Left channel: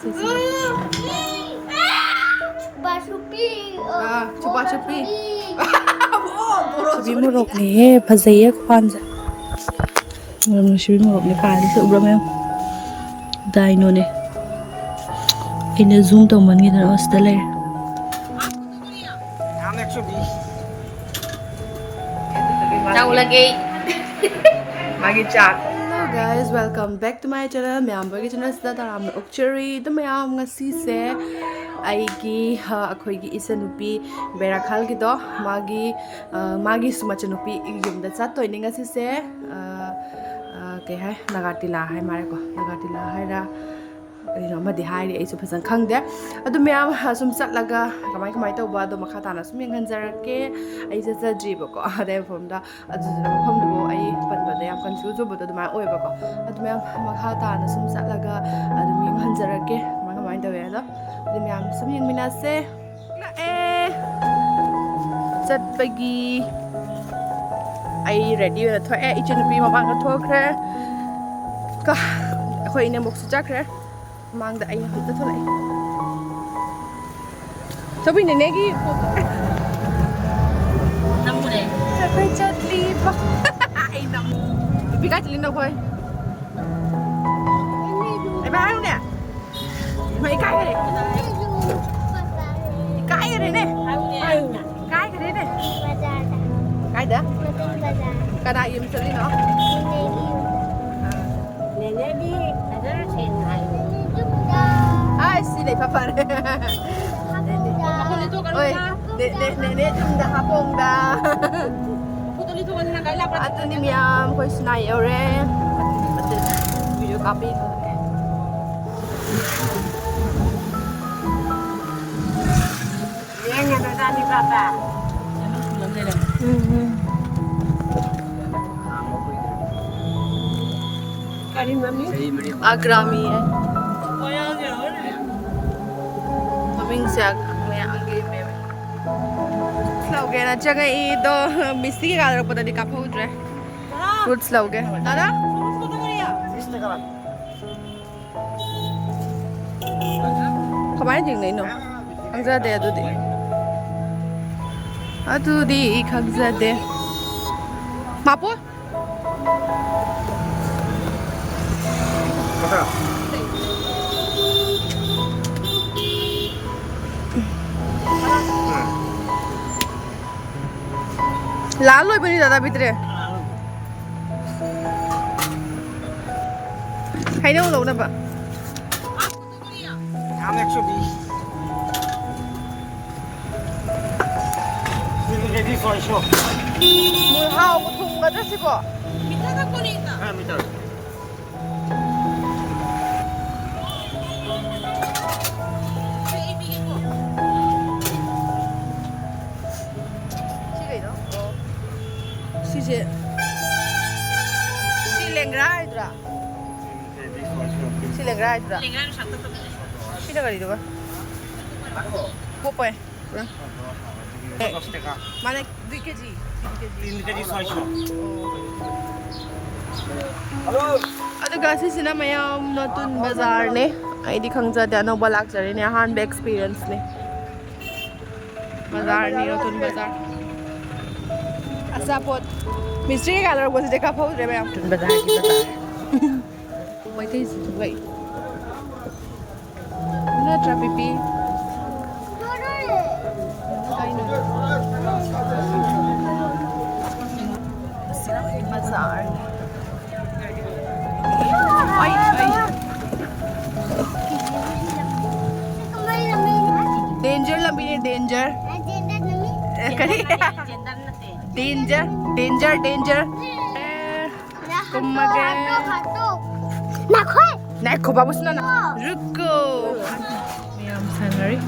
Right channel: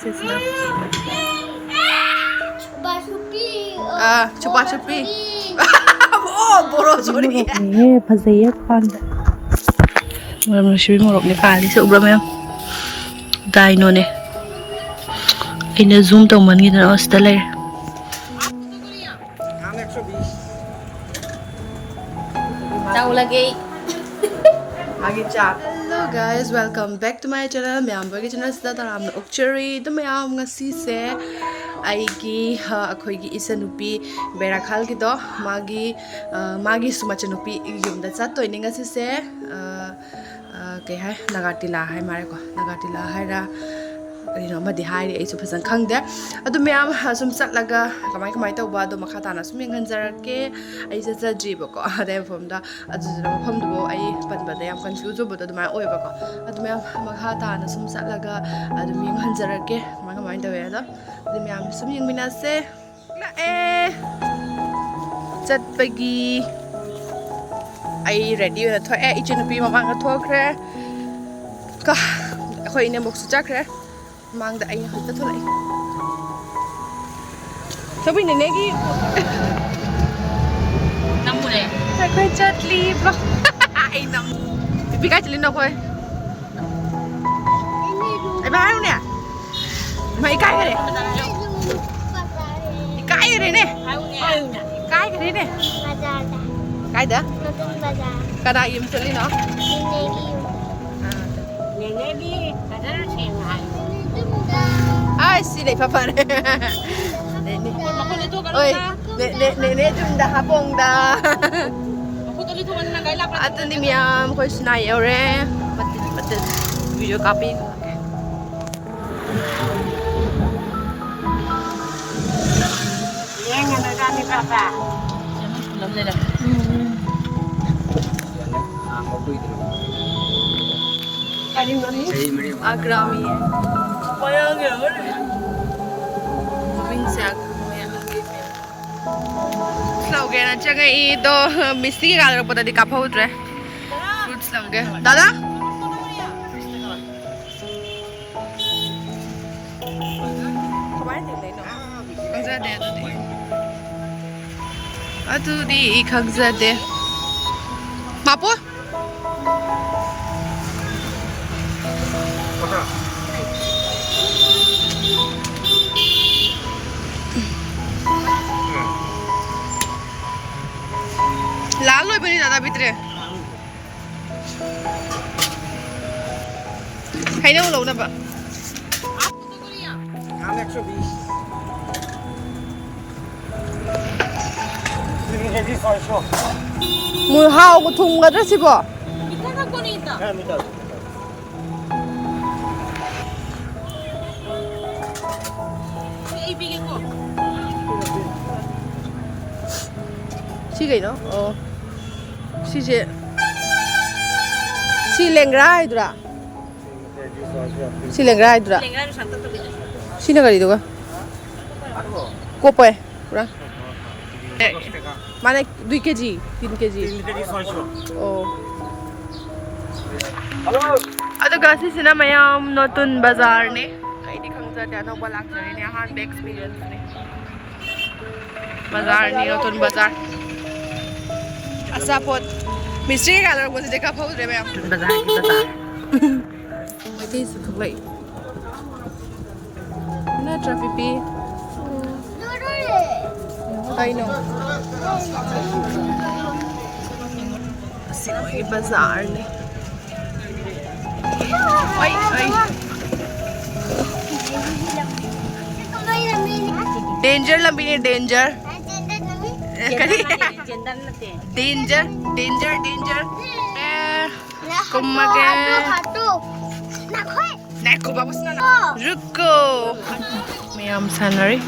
ꯁꯤꯁꯤꯅ ꯆꯨꯄꯥ ꯆꯨꯄꯤ ꯃꯣꯔꯣꯛꯅꯦꯍꯦ ꯐꯖꯩꯌꯦ ꯈ꯭ꯋꯥꯟꯁꯦ ꯃꯔꯝ ꯅꯨꯡꯁꯤꯕꯤ ꯃꯣꯔꯣꯛꯅꯦ ꯄꯥꯜꯂꯤꯁꯦ ꯎꯕ꯭ꯔꯥ ꯃꯌꯥꯝ ꯗꯥꯏꯅꯣꯅꯦ ꯑꯩꯅ ꯖꯨꯝ ꯇꯧꯃꯟꯈꯤꯗꯅ ꯁꯤꯗ ꯂꯩꯔꯦ ꯆꯥꯎꯂꯒꯦ ꯃꯥꯒꯤ ꯆꯥꯛ hello guys welcome back to my channel ꯃꯌꯥꯝꯕꯒꯤ ꯆꯦꯅꯦꯜꯁꯤꯗ ꯇꯔꯥꯝꯅ ꯑꯣꯛꯆꯔꯤ ꯑꯗꯨ ꯃꯌꯥꯝ ꯉꯁꯤꯁꯦ ꯑꯩꯒꯤ ꯑꯩꯈꯣꯏꯒꯤ ꯏꯆꯟꯅꯨꯄꯤ ꯕꯦꯔꯥꯈꯥꯜꯒꯤꯗꯣ ꯃꯥꯒꯤꯁꯨ ꯃꯆꯟꯅꯨꯄꯤ ꯌꯨꯝꯗ ꯆꯠꯇꯣꯏꯅꯦ ꯉꯁꯤꯁꯦ ꯀꯩ ꯍꯥꯏ ꯅꯥꯒꯥꯇꯤꯂꯥ ꯍꯥꯏ ꯃꯥꯜꯂꯦꯀꯣ ꯅꯥꯒꯥꯇꯤꯂꯥ ꯍꯥꯏꯔ ꯀꯔꯤꯅꯣ ꯑꯃꯗꯤ ꯍꯥꯏꯔꯤ ꯑꯩꯁꯨ ꯐꯖꯅ ꯈꯪꯗꯦ ꯑꯗꯨ ꯃꯌꯥꯝ ꯁꯨꯝ ꯆꯠꯂꯒ ꯀꯃꯥꯏ ꯇꯧꯕ ꯑꯗꯣ ꯃꯈꯥ ꯇꯥꯅ ꯁꯨꯝ ꯌꯦꯡꯍꯟꯖꯔꯛꯀꯦ ꯑꯩ ꯆꯠꯆꯗ꯭ꯔꯤꯕꯀꯣ ꯑꯗꯩ ꯃꯐꯝꯗ ꯑꯗꯨꯗꯨꯅ ꯃꯐꯝꯗꯨꯕꯨ ꯑꯩ ꯄꯟꯕꯗ ꯌꯥꯝ ꯀꯟꯐ꯭ꯌꯨꯖ ꯑꯣꯏꯕꯗꯣ ꯑꯗꯨꯃꯥꯏꯅ ꯑꯣꯏꯕꯀꯣ ꯑꯗꯨ ꯃꯌꯥꯝ ꯃꯈꯥ ꯇꯥꯅ ꯁꯨꯝ ꯆꯠꯂꯒ ꯑꯗꯨꯝ ꯌꯦꯡꯍꯟꯖꯔꯛꯀꯦ ꯀꯃꯥꯏꯅ ꯇꯧꯋꯦ ꯑꯗꯣ ꯑꯗꯨ ꯃꯌꯥꯝ ꯁꯨꯝ ꯌꯦꯡꯃꯤꯟꯅꯁꯦ ꯂꯥꯛꯑꯦ ꯆꯠꯄꯒꯤ ꯑꯩ ꯔꯦꯗꯤ ꯑꯣꯏꯅ ꯊꯣꯛꯑꯦ ꯏꯆꯟꯅꯨꯄꯤ ꯃꯃꯥꯡꯗ ꯊꯣꯛꯈ꯭ꯔꯦ ꯑꯩꯈꯣꯏ ꯏꯅꯦꯝꯕꯣꯛꯁꯨ ꯆꯠꯈ꯭ꯔꯦ ꯃꯃꯥꯡꯗ ꯑꯩꯅ ꯍꯧꯖꯤꯛꯇ ꯊꯣꯛꯂꯛꯏ ꯊꯕꯤꯅꯅꯦꯒꯤ ꯅꯪꯕꯨꯅꯦ ꯑꯩꯈꯣꯏ ꯆꯠꯂꯤꯕ ꯑꯩ ꯅꯨꯄꯤ ꯀꯥꯏ ꯆꯠꯂꯤꯅꯣ ꯑꯩꯈꯣꯏ ꯑꯩ ꯍꯥꯏꯔꯨꯅꯦ ꯃꯩ ꯏꯀꯥꯏꯈꯔꯦ ꯏꯀꯥꯏꯈꯔꯦꯅꯦ ꯏꯀꯥꯏꯈꯔꯦꯅꯦ ꯀꯥꯏꯗ ꯀꯅꯥ ꯌꯨꯝ ꯆꯠꯂꯤꯅꯣ ꯅꯦꯅꯦꯗꯤ ꯐꯖꯅ ꯁꯦꯡꯅ ꯍꯥꯏꯌꯨ ꯁꯤ ꯂꯩ ꯐꯔꯦ ꯅꯦꯅꯦ ꯌꯨꯝꯗ ꯍꯥꯄꯣꯡꯗ ꯑꯗꯨꯅꯤ ꯃꯌꯥꯝ ꯑꯩꯈꯣꯏ ꯁꯤꯅꯥ ꯌꯧꯔꯦ ꯃꯇꯤꯟ ꯚꯤꯗꯤꯑꯣ ꯀꯥꯞꯄꯤ Agrami लौगे ना चंगे तो मिस्त्री के गाल पता नहीं काफा उतरे फ्रूट्स लौगे दादा हमारे दिन नहीं नो खंगजा दे अदुदी खंगजा दे मापो लाल लोई बनी दादा भीतरे है ना वो लोग ना बा मुहाव को थुंगा ड्रेस इबो सी गई नो सीजे सी लेंग्रा इधरा सी लेंग्रा इधरा सी ना करी दोगा कोपे पूरा माने 2 kg 3 kg 600 ओ अदुगा सिसिना मयाम नोटुन बाजार ने आइदी खंगजादे अनोबा लाक्चरी ने अहानबे एक्सपीरियंस ने बाजार ने नोटुन बाजार असापोत मिस्त्री का लग बस देखा फाउ रे मयाम बाजार की बाजार मैथे से थुलाई ना ट्रैफिपी I know. Sino may bazaar ni. Ay. Danger lang bini danger. Danger. Kumage. Nakho babus na. Ruko. Mayam sanari.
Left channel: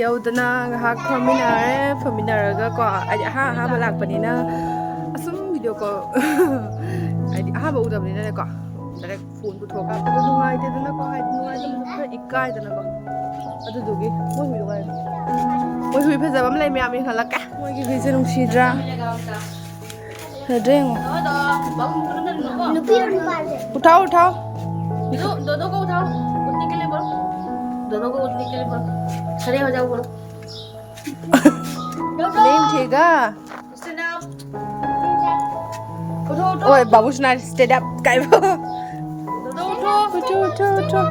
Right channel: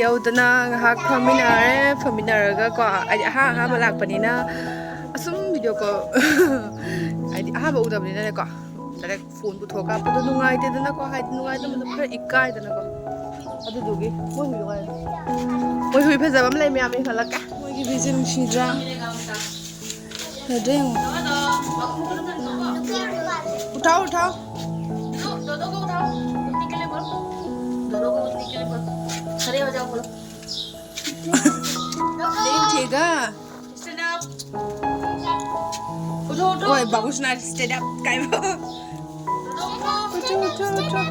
ꯌꯧꯗꯅ ꯉꯥꯏꯍꯥꯛ ꯐꯝꯃꯤꯟꯅꯔꯒ ꯀꯣ ꯍꯥꯏꯗꯤ ꯑꯍꯥꯟꯕ ꯂꯥꯛꯄꯅꯤꯅ ꯑꯁꯨꯝ ꯚꯤꯗꯤꯑꯣ ꯀꯣꯜ ꯍꯥꯏꯗꯤ ꯑꯍꯥꯟꯕ ꯎꯗꯕꯅꯤꯅꯅꯦꯀꯣ ꯗꯥꯏꯔꯦꯛ ꯐꯣꯟ ꯄꯨꯊꯣꯛ ꯀꯥꯞꯄꯗꯣ ꯅꯨꯡꯉꯥꯏꯇꯦꯗꯅꯀꯣ ꯍꯥꯏꯗꯤ ꯅꯨꯡꯉꯥꯏꯇꯕꯗꯣ ꯈꯔ ꯏꯀꯥꯏꯗꯅꯀꯣ ꯑꯗꯨꯗꯨꯒꯤ ꯃꯣꯏ ꯍꯨꯏ ꯐꯖꯕ ꯑꯃ ꯂꯩ ꯃꯌꯥꯝ ꯌꯦꯡꯍꯜꯂꯛꯀꯦ ꯃꯣꯏꯒꯤ ꯍꯨꯏꯁꯦ ꯅꯨꯡꯁꯤꯗ꯭ꯔꯥ ꯐꯖꯗ꯭ꯔꯥ ꯌꯦꯡꯉꯣ उठाओ उठाओ दोनों को उठाओ, उठने के लिए बोल, दोनों को उठने के लिए बोल, खड़े हो जाओ बोल। नहीं उठेगा। Stand up. उठो उठो, ओए बाबू सुना स्टैंड अप काय वो उठो उठो। उठो उठो उठो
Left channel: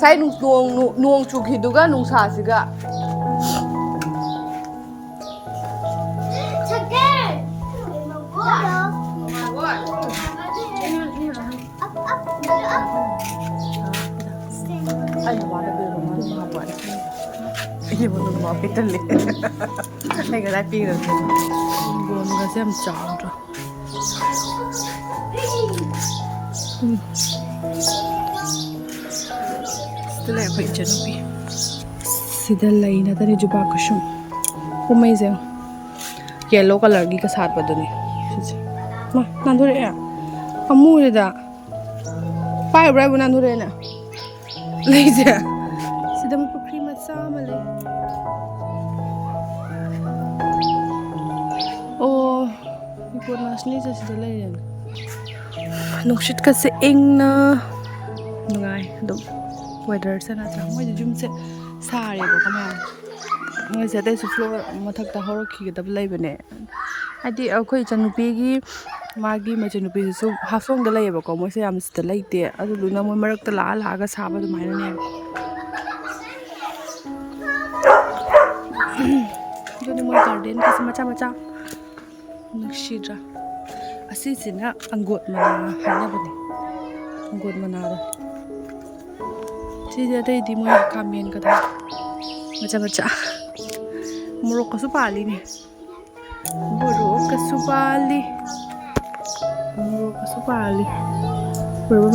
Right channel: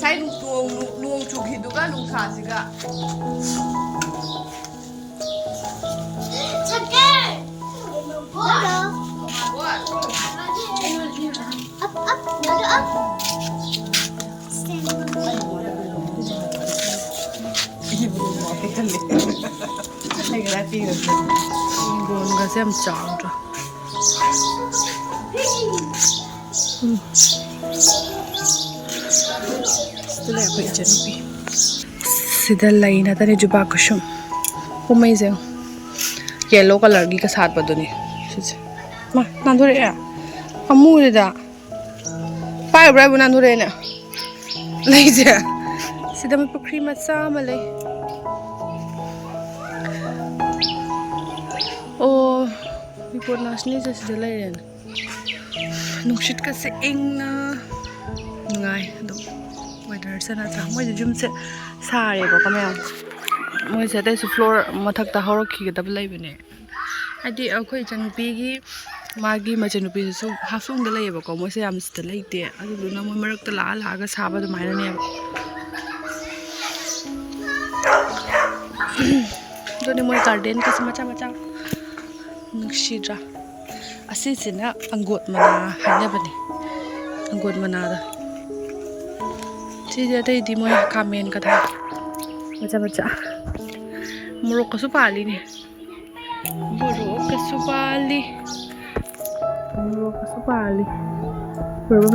sai nuông chụp thì đúng là nung xả gì cả. Ini belum mau kita lihat. Lagi rapi kan. Gue nggak sih am jauh tuh. Setelah aku ijanubi. Sudah lain ada nih jubah kusum. Amazing. Yellow color lagi ke saat badu nih. Mah, nandur ya. Kamu udah. Pai berapa nandur ya? Lagi dia. Sudah mau pakai macam mana? Oh, ikut nasni saya sudah lain. Nungshit kasi ing na nungai dum weather sana sa moi jum se sare ba kamay moi se dai su floor mathak ta horo khi da lai bane adi akhoi chanupi gi magi machanupi su hafong da lai ba ko moi se am sta lai te adu luna moi marak ta la la ga sa ba du mai ne doni moi garden kasi macha macha nungshidra asisina anggot mana hanya bani anggot mana da sih jadi di mana kamen kata macam-macam muruk kesupali nih muruk kesupali berapa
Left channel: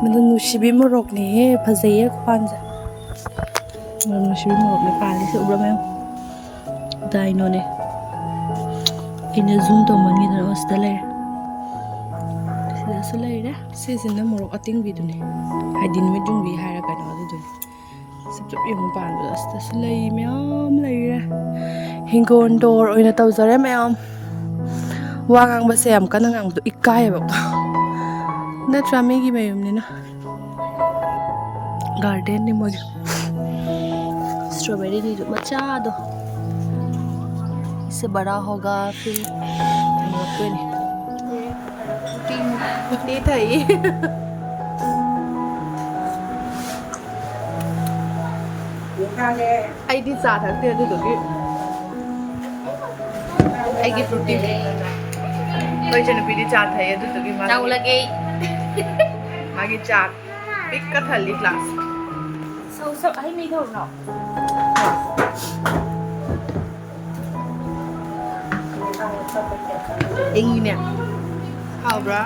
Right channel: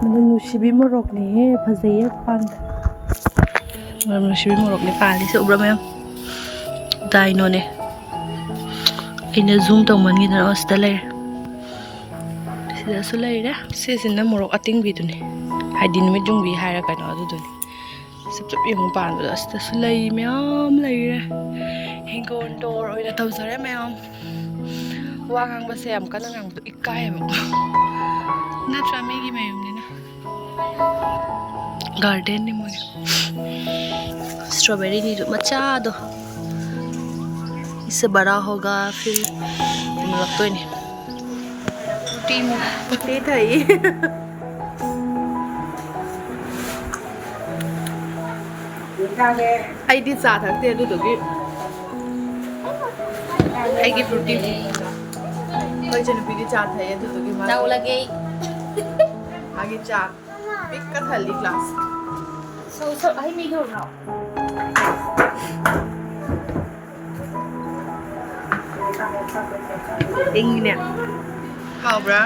mana nusibi muruk nih pasaya panza mana nusibi muruk nih pali seberapa yang dino nih ini zoom to man gitu na ostalay sida sulay da season na morok ating bidu ni hadin med jung bi hara kana adu dun sab yung pan da sta sulay myam lay ra hingon dor oina taw zare myam wangang ba sem kana ngang du ikay ba na trami gi mayum ni na garden ni mo strawberry ni macha do इससे बड़ा होगा फिर लगता ही नहीं team date है ये I D चाह सकते हैं तो कि आई की प्रोटीन कोई चीज़ पीती चाहता है तो कि माँ चावल लगे आगे चार पिक कर थाली क्लास so आई नहीं हो रहा Ing nè. How bro?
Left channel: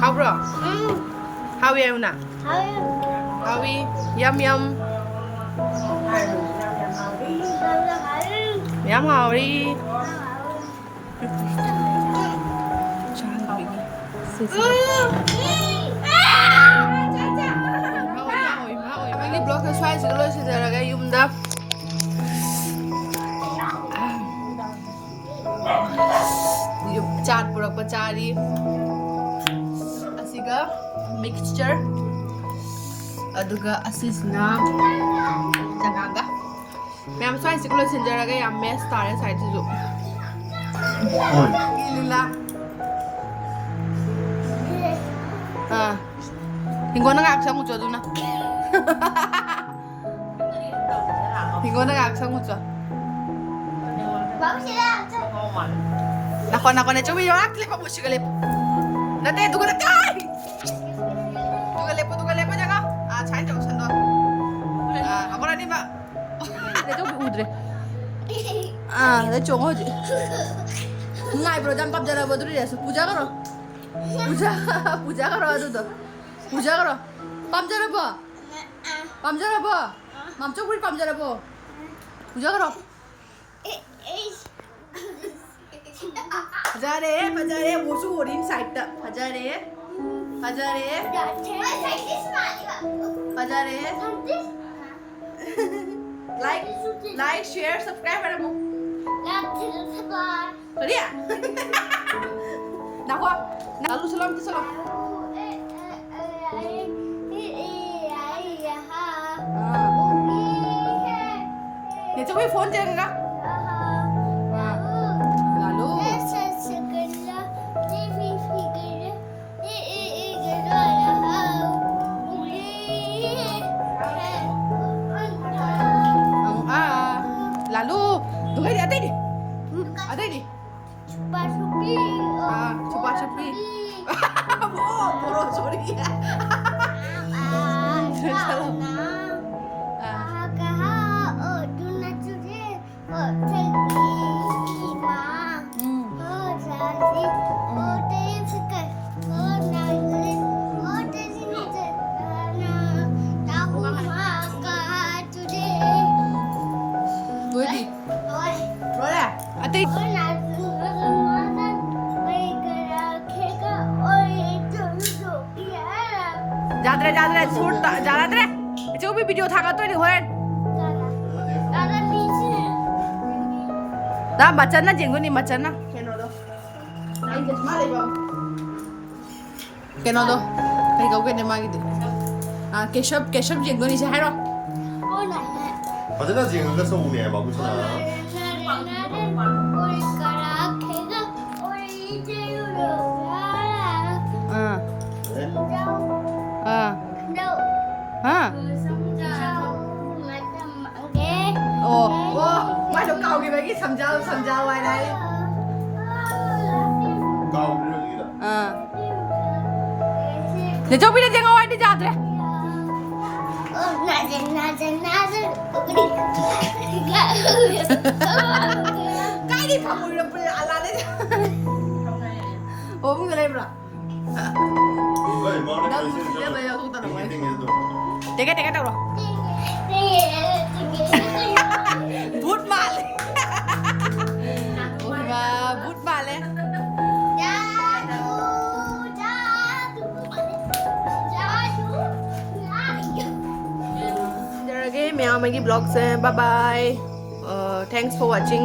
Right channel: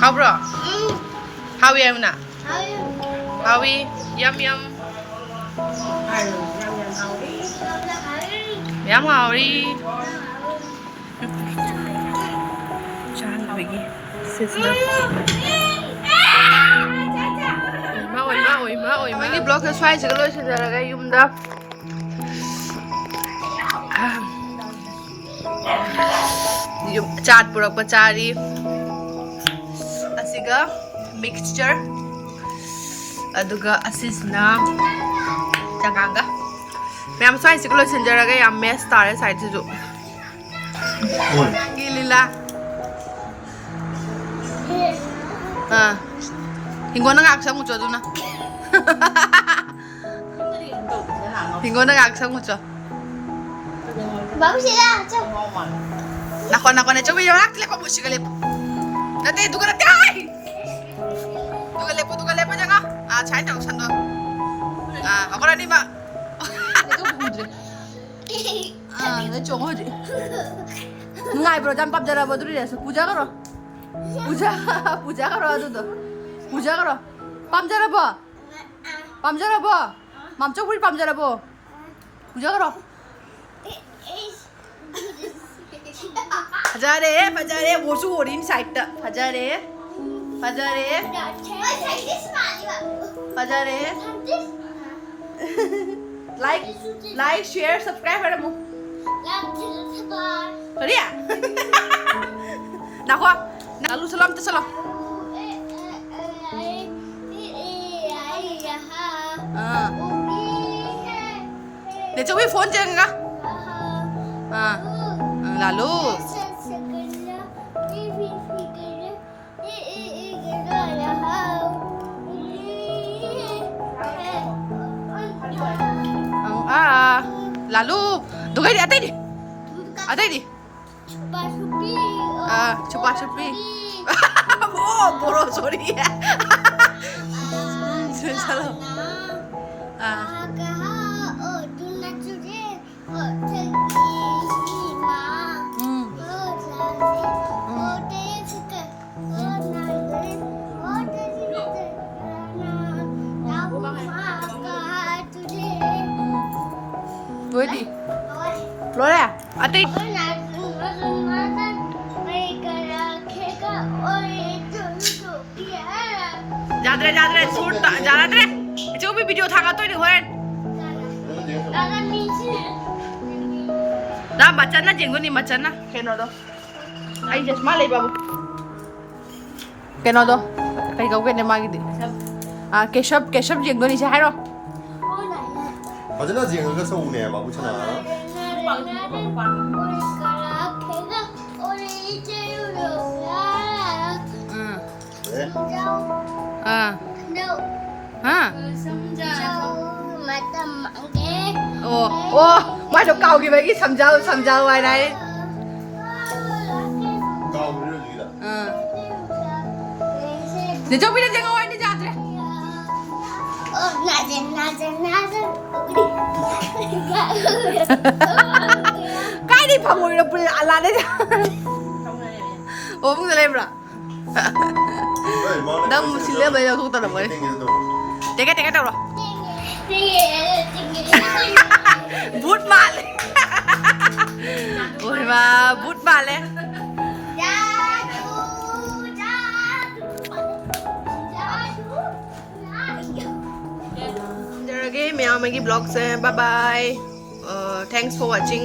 How bro? How you na? How we? Yum yum. Yum how we? Chan lagi. Sisna. Ma oi. Ini blog sesuai segala sejarah kayak yumda. चाट पुरक पचारी असिगा mixture अदुगा असिसना चंगांगा ma'am स्वाई सिकलो सिंजरगा या mess तारे side से जो लीला हां हिंगोना गाक्सा मुचो दुना Hingona गाक्सा मुचो Bagus ya, Nako na coba yung akli ko musik lepo. Dati duga na kay. Duga lepo jangan. Ah, chain dong sando. Ah, ako na ni ma. Ito udre. Ah, na chong hoji. Ngai bro jam pap jara bodri ya. Puja karo. Puja karo adu to. Puja karo. Pam jara bo. Mam chok puri pam jara bo. Puja karo. Fajare, Fajare, wosu orin side ta. Fajare, Fajare, Fajare. Like, share, subscribe pada mu. Sorry ya? Nak apa? Lalu salam tu salam. Dia cuba phone je enggak? Lalu. Lalu, tunggu di atas ni. Atas ni. Cepat cepat. Oh, boro sorry. Salam. Boleh. Boleh. Atas. जादरे सूट जादरे जो भी video था तो नहीं होए दा बच्चा ना जेंगो नहीं बच्चा ना केनो दो आई चश्मा ले बाबू केनो दो कहीं गाँव के ने मांगी दे केशव जेंगो नहीं चाहिए रो 맞아 지금 그래서 우네 마구치나 mai đồ cầu kìa mấy cái sầm dầu ngoài này cao cái gì đó để cho biết là ngồi anh đi ra rồi cái đi phòng ngồi đâu là đấy ôm cái lên rồi đâu xin lỗi bây giờ không tao được rồi cái đâu rồi bút mà lên ôi mà bút mà lên Okay, मैं आऊँगी blog से bye bye thanks for watching